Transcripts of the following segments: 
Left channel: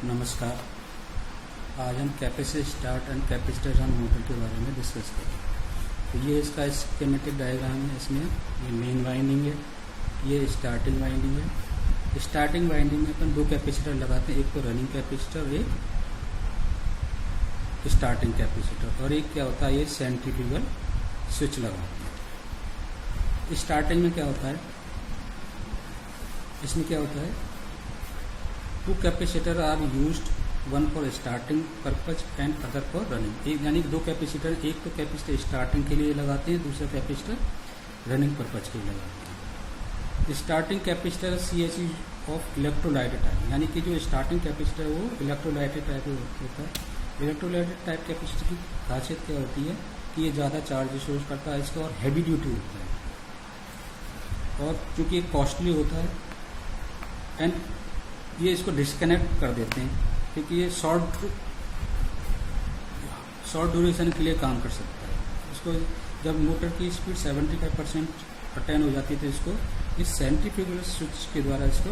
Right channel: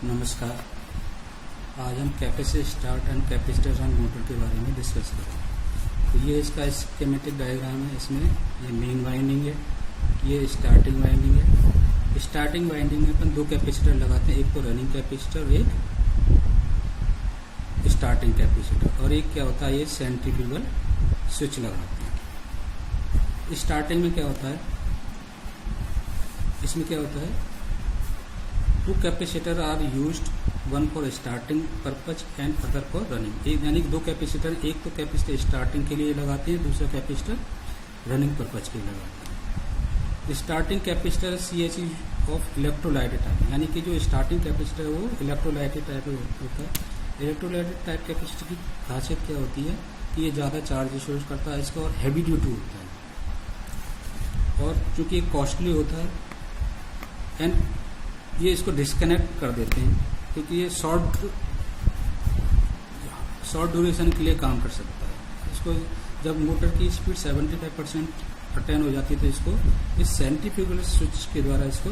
नमस्कार। आज हम capacitor start and capacitor run motor के बारे में डिस्कस करेंगे। तो ये इसका स्कीमेटिक डायग्राम है। इसमें ये मेन वाइंडिंग है, ये स्टार्टिंग वाइंडिंग है। स्टार्टिंग वाइंडिंग में अपन दो कैपेसिटर लगाते हैं, एक तो रनिंग कैपेसिटर और एक स्टार्टिंग कैपेसिटर, और एक क्या होता है ये सेंट्रीफ्यूगल स्विच लगाते हैं। स्टार्टिंग में क्या होता है, इसमें क्या होता है, two capacitor are used, one for starting purpose and other for running. यानी कि दो कैपेसिटर, एक तो कैपेसिटर स्टार्टिंग के लिए लगाते हैं, दूसरा कैपेसिटर रनिंग पर्पज के लिए लगाते हैं। Starting capacitor CSE of electrolytic type, यानी कि जो स्टार्टिंग कैपेसिटर है वो इलेक्ट्रोलाइटेड टाइप होता है। इलेक्ट्रोलाइटेड टाइप कैपेसिटर की खासियत क्या होती है कि ये ज़्यादा चार्ज स्टोरेज करता है इसका, और हैवी ड्यूटी होता है, और चूँकि ये कॉस्टली होता है एंड ये इसको डिस्कनेक्ट कर देते हैं, क्योंकि ये शॉर्ट ड्यूरेशन के लिए काम कर सकता है। इसको जब मोटर की स्पीड 75% अटेन हो जाती है तो इसको इस सेंट्रीफ्यूगल स्विच के द्वारा इसको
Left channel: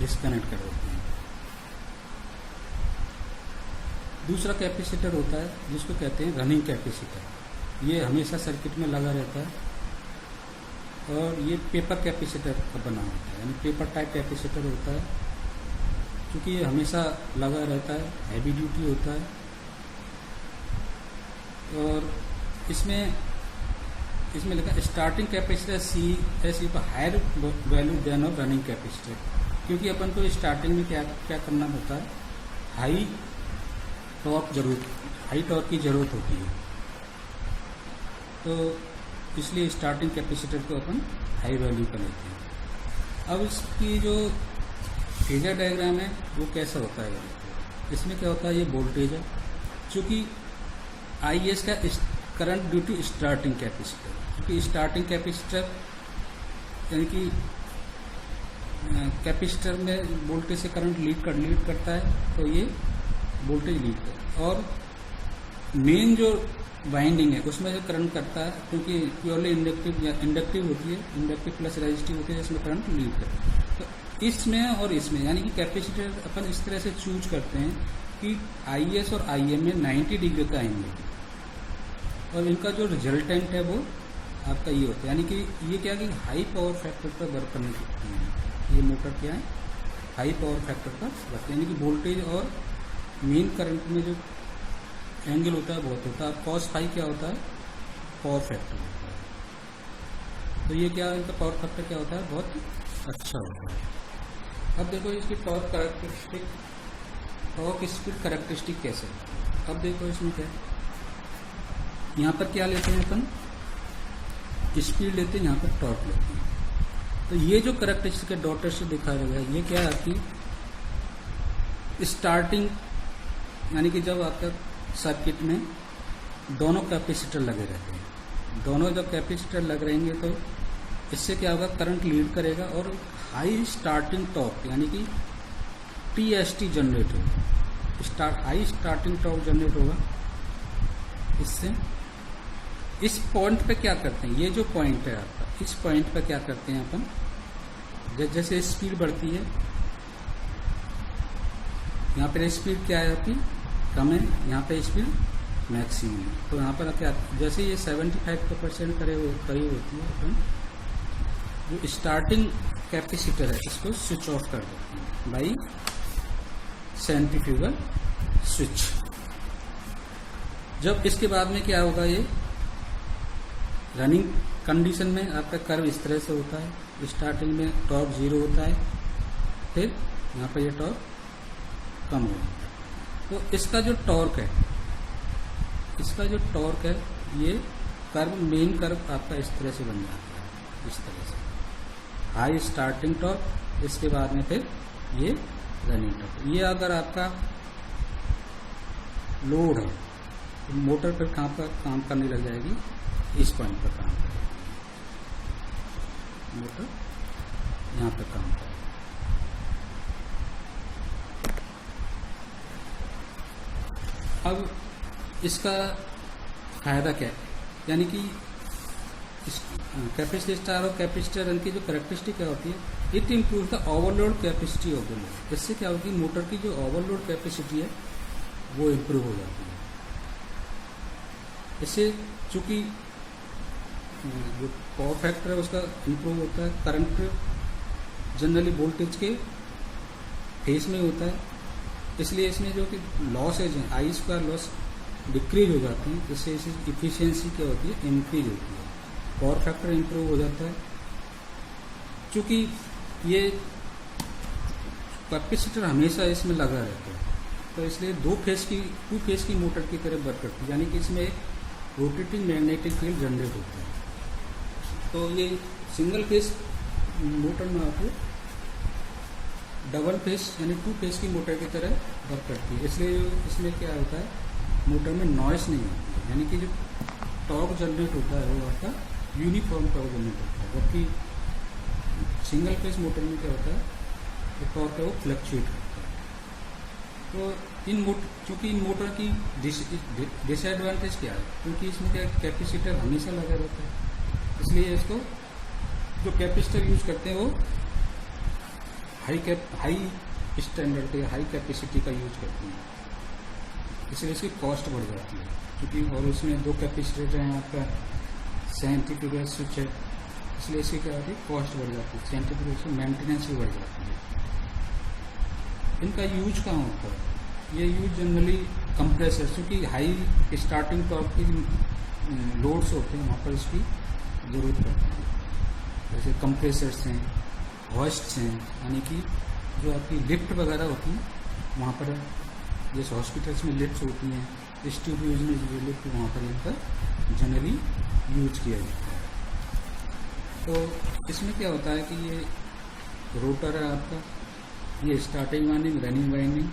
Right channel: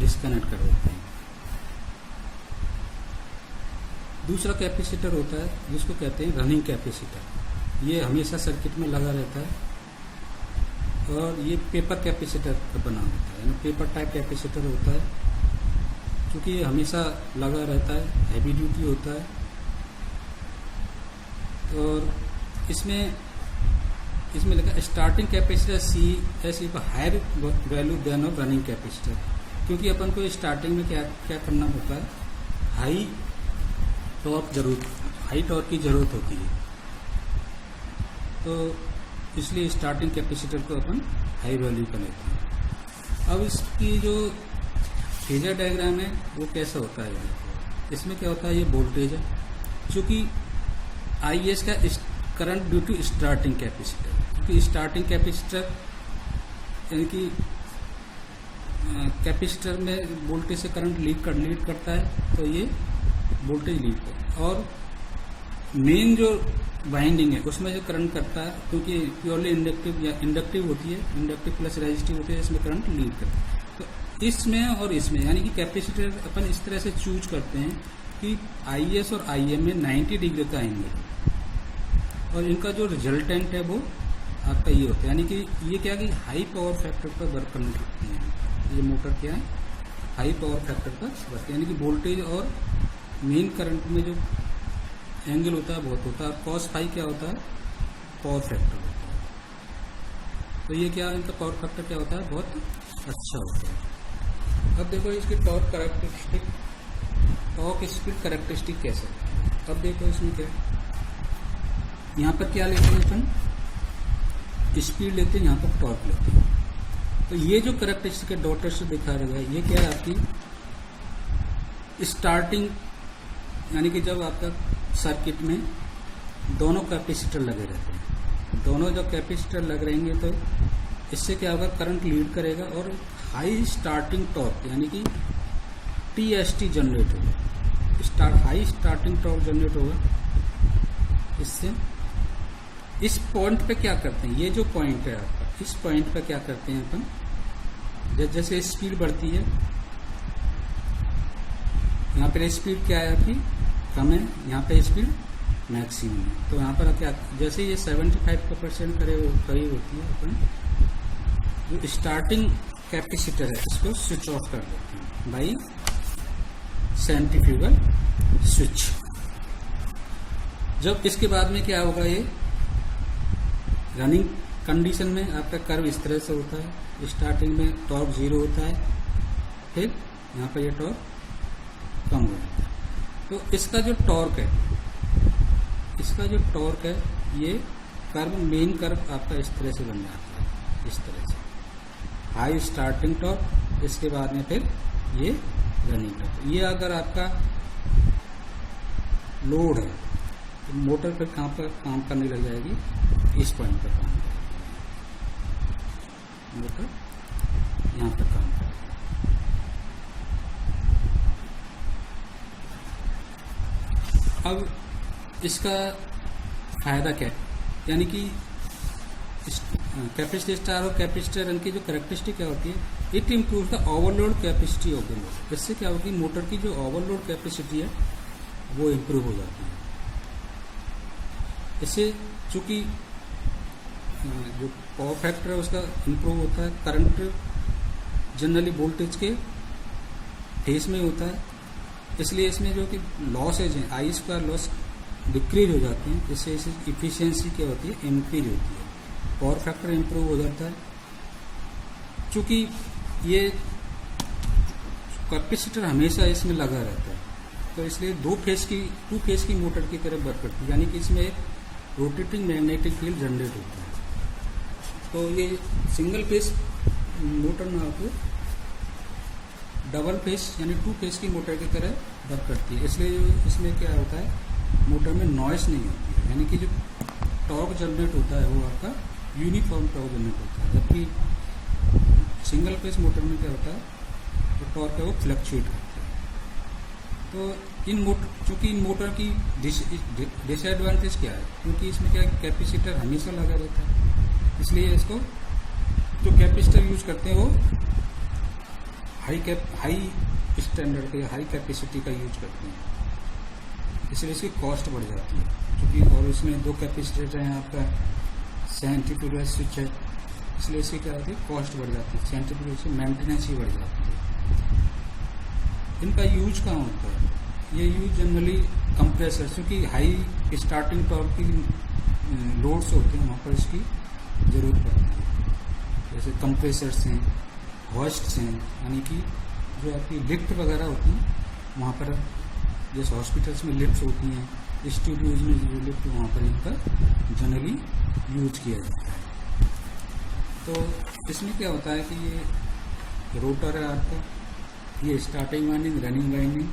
डिस्कनेक्ट कर देते हैं। दूसरा कैपेसिटर होता है जिसको कहते हैं रनिंग कैपेसिटर। ये हमेशा सर्किट में लगा रहता है, और ये पेपर कैपेसिटर का बना होता है, यानी पेपर टाइप कैपेसिटर होता है। क्योंकि ये हमेशा लगा रहता है, हैवी ड्यूटी होता है, और इसमें लिखा starting capacitor CS higher value than of running capacitor. क्योंकि अपन को स्टार्टिंग में क्या करना होता है, हाई टॉर्क की ज़रूरत होती है, तो इसलिए स्टार्टिंग कैपेसिटर को अपन हाई वैल्यू का लेते हैं। अब इसकी जो फेजर डायग्राम है वो कैसा होता है, इसमें क्या होता है, ये वोल्टेज है, चूँकि IS का current due to starting capacitor, क्योंकि स्टार्टिंग कैपेसिटर यानी कि कैपेसिटर में वोल्टेज से करंट लीड करता है, तो ये वोल्टेज लीड करता है। और मेन जो वाइंडिंग है उसमें जो करंट करता है, क्योंकि प्योरली इंडक्टिव होती है, इंडक्टिव प्लस रेजिस्टिव होती है, इसमें करंट लीड करता है। तो इसमें और इसमें यानी कि कैपेसिटर अपन इस तरह से चूज करते हैं कि IS और IM में 90 डिग्री का एंगल, और इनका जो रिजल्टेंट है वो आपका ये होता है। यानी कि ये क्या कि हाई पावर फैक्टर पर वर्क करने लगती है। ये मोटर क्या है, हाई पावर फैक्टर पर वर्क, यानी कि वोल्टेज और मेन करंट में जो एंगल होता है बहुत होता है। cos फाई क्या होता है, पावर फैक्टर होता है। तो ये क्या, इनका पावर फैक्टर क्या होता है, बहुत अच्छा होता है। अब देखो इसकी टॉर्क स्पीड कैरेक्टरिस्टिक कैसे। अब देखो इसमें क्या है, यहाँ पर क्या लेते हैं अपन, स्पीड लेते हैं, यहाँ पर टॉर्क लेते हैं। तो ये जो कैरेक्टरिस्टिक है डॉटेड से दिखा रहा है, ये क्या है आपकी स्टार्टिंग, यानी कि जब आपका सर्किट में दोनों कैपेसिटर लगे रहते हैं, दोनों जब कैपेसिटर लग रहेंगे तो इससे क्या होगा, करंट लीड करेगा, और हाई स्टार्टिंग टॉर्क यानी कि TST जनरेट होगा, हाई स्टार्टिंग टॉर्क जनरेट होगा। इससे इस पॉइंट पे क्या करते हैं, ये जो पॉइंट है आपका, इस पॉइंट पे क्या करते हैं अपन, जैसे स्पीड बढ़ती है, यहाँ पर स्पीड क्या है आपकी कम है, यहाँ पे स्पीड मैक्सिमम है। तो यहाँ पर क्या, जैसे ये 75% करीब होती है, अपन जो स्टार्टिंग कैपेसिटर है इसको स्विच ऑफ कर देते हैं बाई सेंट्रीफ्यूगल स्विच। जब इसके बाद में क्या होगा, ये रनिंग कंडीशन में आपका कर्व इस तरह से होता है। स्टार्टिंग में टॉर्क 0 होता है, फिर यहाँ पर ये टॉर्क कम हो जाता है। तो इसका जो टॉर्क है, ये कर्व, मेन कर्व आपका इस तरह से बन जाता है, इस तरह से हाई स्टार्टिंग टॉर्क, इसके बाद में फिर ये रनिंग टॉर्क। ये अगर आपका लोड है तो मोटर पर कहाँ पर काम करने लग जाएगी, इस पॉइंट पर काम करेगी, मोटर यहाँ पर काम करेगी। अब इसका फायदा क्या है, यानी कि कैपेसिटर स्टार और कैपेसिटर रन की जो कैरेक्टरिस्टिक क्या होती है, it improve the overload capacity of the load. इससे क्या होगी, मोटर की जो ओवरलोड कैपेसिटी है वो इम्प्रूव हो जाती है। इससे चूंकि जो पावर फैक्टर है उसका इम्प्रूव होता है, करंट जनरली वोल्टेज के फेस में होता है, इसलिए इसमें जो कि लॉसेज हैं आई स्क्वायर लॉस डिक्रीज हो जाते हैं। इससे इफिशियंसी क्या होती है, इंक्रीज होती है, पावर फैक्टर इम्प्रूव हो जाता है। चूंकि ये कैपेसिटर हमेशा इसमें लगा रहता है, तो इसलिए टू फेज की मोटर की तरह वर्क करती है, यानी कि इसमें एक रोटेटिंग मैग्नेटिक फील्ड जनरेट होता है। तो ये सिंगल फेज मोटर में आपको डबल फेज यानी टू फेज की मोटर की तरह वर्क करती है। इसलिए इसमें क्या होता है, मोटर में नॉइस नहीं होती है, यानी कि जो टॉर्क जनरेट होता है वो आपका यूनिफॉर्म टॉर्क जनरेट होता है। जबकि सिंगल फेज मोटर में क्या होता है, जो टॉर्क है वो फ्लक्चुएट करता है। तो चूंकि इन मोटर की डिसएडवांटेज क्या है, क्योंकि इसमें क्या कैपेसिटर हमेशा लगा रहता है, इसलिए इसको जो कैपेसिटर यूज करते हैं वो हाई स्टैंडर्ड के हाई कैपेसिटी का यूज करते हैं, इसलिए इसकी कॉस्ट बढ़ जाती है। क्योंकि और इसमें दो कैपेसिटर हैं आपका सेंट्रीफ्यूगल स्विच है, इसलिए इसकी क्या होती है, कॉस्ट बढ़ जाती है, सेंट्रीफ्यूगल से मेंटेनेंस ही बढ़ जाती है। इनका यूज कहाँ होता है, ये यूज जनरली कंप्रेसर, क्योंकि हाई स्टार्टिंग टॉर्क की लोड्स होते हैं वहाँ पर इसकी ज़रूरत पड़ती है। जैसे कंप्रेसर्स हैं, हॉइस्ट्स हैं, यानी कि जो आपकी लिफ्ट वगैरह होती हैं वहाँ पर, जैसे हॉस्पिटल्स में लिफ्ट होती हैं, स्टूडियोज में जो लिफ्ट वहाँ पर इनका जनरली यूज किया जाता है। तो इसमें क्या होता है कि ये रोटर है आपका, ये स्टार्टिंग वाइंडिंग, रनिंग वाइंडिंग,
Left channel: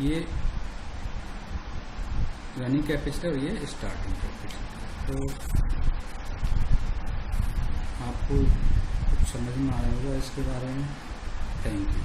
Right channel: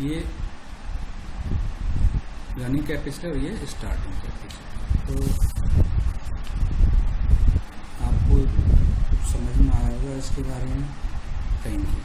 ये रनिंग कैपेसिटर, ये स्टार्टिंग कैपेसिटर। तो आपको कुछ समझ में आया होगा इसके बारे में। Thank you.